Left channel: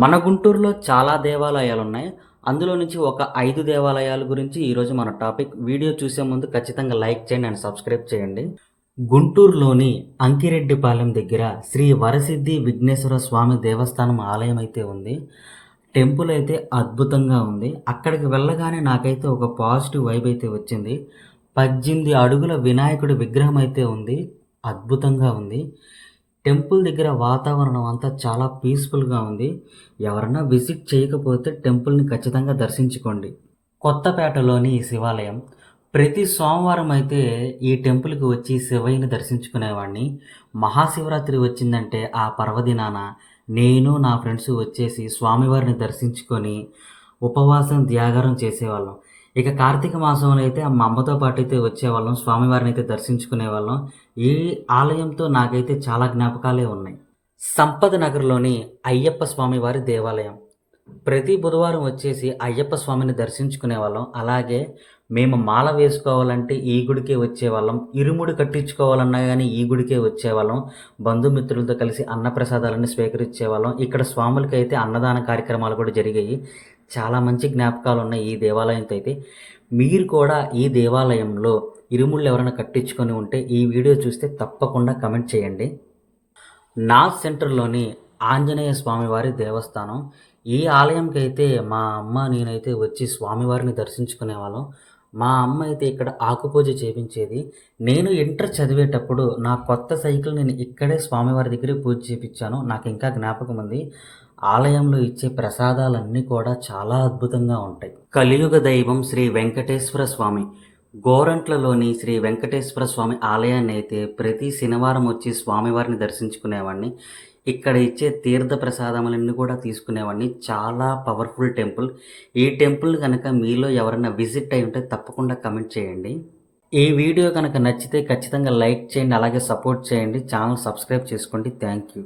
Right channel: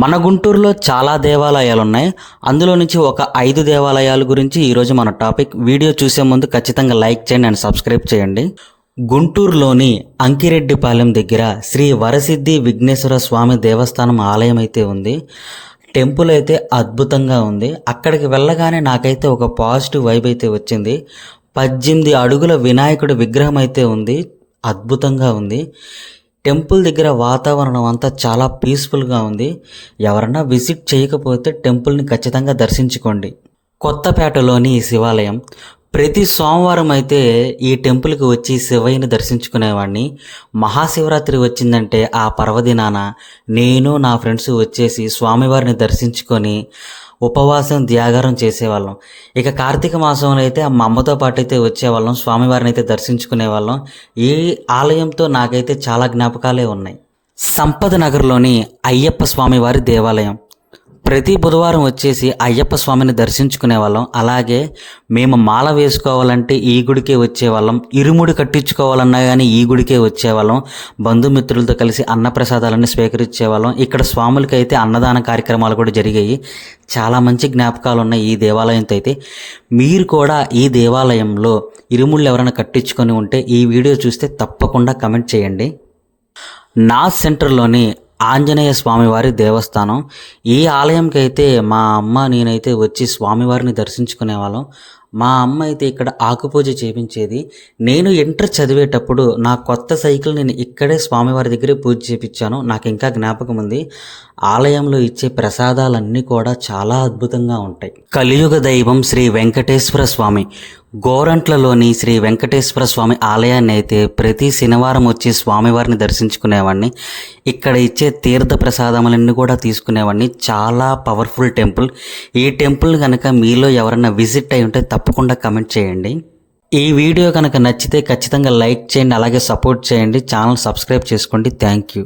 మన గుంటూరులో చాలా దేవాలయాలు ఉన్నాయి. అందులో నుంచి ఒక 5 దేవాలయాల గురించి ఈరోజు మన టాపిక్. వీడియో చూసే ముందు ఖచ్చితంగా లైక్ చేయండి అండ్ సబ్స్క్రైబ్ చేయండి. గుంటూరులోని అంకిరెడ్డిపాలెం దగ్గర శ్రీ వరసిద్ధి విఘ్నేశ్వర స్వామి దేవస్థానం ఆలయం అయితే ఉంది. టెంపుల్ అయితే అద్భుతంగా ఉంది. అక్కడికి వెళ్ళగానే నాకైతే ఒక పాజిటివ్ వైబ్ అయితే వచ్చింది. 18 అడుగుల వినాయకుడి విగ్రహం అయితే ఉంది. అద్భుతంగా ఉంది. టెంపుల్ దగ్గర వాతావరణం అంతా చాలా పీస్ఫుల్గా ఉంది. ఎవరన్నా విజిట్ చేయకపోతే టెంపుల్ని ఖచ్చితంగా దర్శించుకోండి. కొత్తపేటలోని ఈ శివాలయం. ప్రతి సోమవారం అయితే ఈ టెంపుల్కి వచ్చి శివయ్యని దర్శించుకునేవాడిని. మహాశివరాత్రి వచ్చిందంటే ఆ పర్వదినాన నేను నా ఫ్రెండ్స్ వచ్చేసి స్వామివారిని దర్శించుకొని ఉపవాసం త్యాగారం చేసేవాళ్ళం. ఇక కార్తీక మాసంలో అయితే మా అమ్మతో పాటు అయితే వచ్చేవాళ్ళం, స్వామివారిని అయితే దర్శించుకునేవాళ్ళం. ఈ ఆలయంతో నాకైతే చాలా జ్ఞాపకాలే ఉన్నాయి. సంపద నగర్లోని అయ్యప్ప స్వామివారి దేవాలయం. ప్రతి బుధవారం వచ్చేసి అయ్యప్ప స్వామిని దర్శించుకునే వాళ్ళం. అలాగే మేము మాల వేసుకోవాలంటే ఈ గుడికే వచ్చేవాళ్ళం, ఇరుముడి కట్టించుకోవాలన్నా కానీ ఈ గుడికే వచ్చేవాళ్ళం. బంధుమిత్రులతో కలిసి అన్నప్రసాదాలన్నీ స్వీకరించేవాళ్ళం. ఇక్కడ స్వాములకి అయితే అన్నదాన కార్యక్రమాలు కూడా జరిగాయి. చాలా మంచి జ్ఞాపకాలు ఉన్నాయి ఈ దేవాలయంతో అయితే. మీరు కూడా ఈ దేవాలయంలో ఇరుముళ్ళు ఎవరైనా కట్టించుకొని ఉంటే ఈ వీడియో చూస్తే తప్పకుండా కమెంట్ చేయండి. నార్త్ సెంటర్లోని ఆంజనేయ స్వామివారి దేవస్థానం. ఈ ఆలయంకి అయితే మా అమ్మ నేనైతే వచ్చి స్వామివారిని దర్శించుకునేవాళ్ళం. మా అమ్మ అయితే ఇక్కడ ఆకుపూజ చేపించేది. నేను ఇంటర్ చదివేటప్పుడు నా కొత్త సైకిల్ నేను ఇక్కడే స్వామివారి దగ్గరే పూజ చేపించాను. నాకు ఇంకా జ్ఞాపకం ఉంది. ఆలయంలో ఇచ్చే ప్రసాదాలన్నీ కూడా చాలా అద్భుతంగా ఉంటాయి. కలియుగ దైవం శ్రీ వెంకటేశ్వర స్వామి. గోరంట్లలోని శ్రీ వెంకటేశ్వర స్వామి ఆలయాన్ని అయితే ప్రతి శనివారం వచ్చి స్వామివారిని దర్శించుకునేవాడిని. ఇక్కడ ఇచ్చే తీర్థ ప్రసాదములన్నీ కూడా తీసుకునేవాడిని. చాలా పవర్ఫుల్ టెంపుల్. ఈ టెంపుల్ కనుక మీలో ఎవరైనా విజిట్ అయి ఉంటే తప్పకుండా కమెంట్ చేయండి. ఈ వీడియో కనుక నచ్చితే ఖచ్చితంగా లైక్ చేయండి, అలాగే సపోర్ట్ చేయండి. ఛానల్ సబ్స్క్రైబ్ చేసుకోండి. Thank you.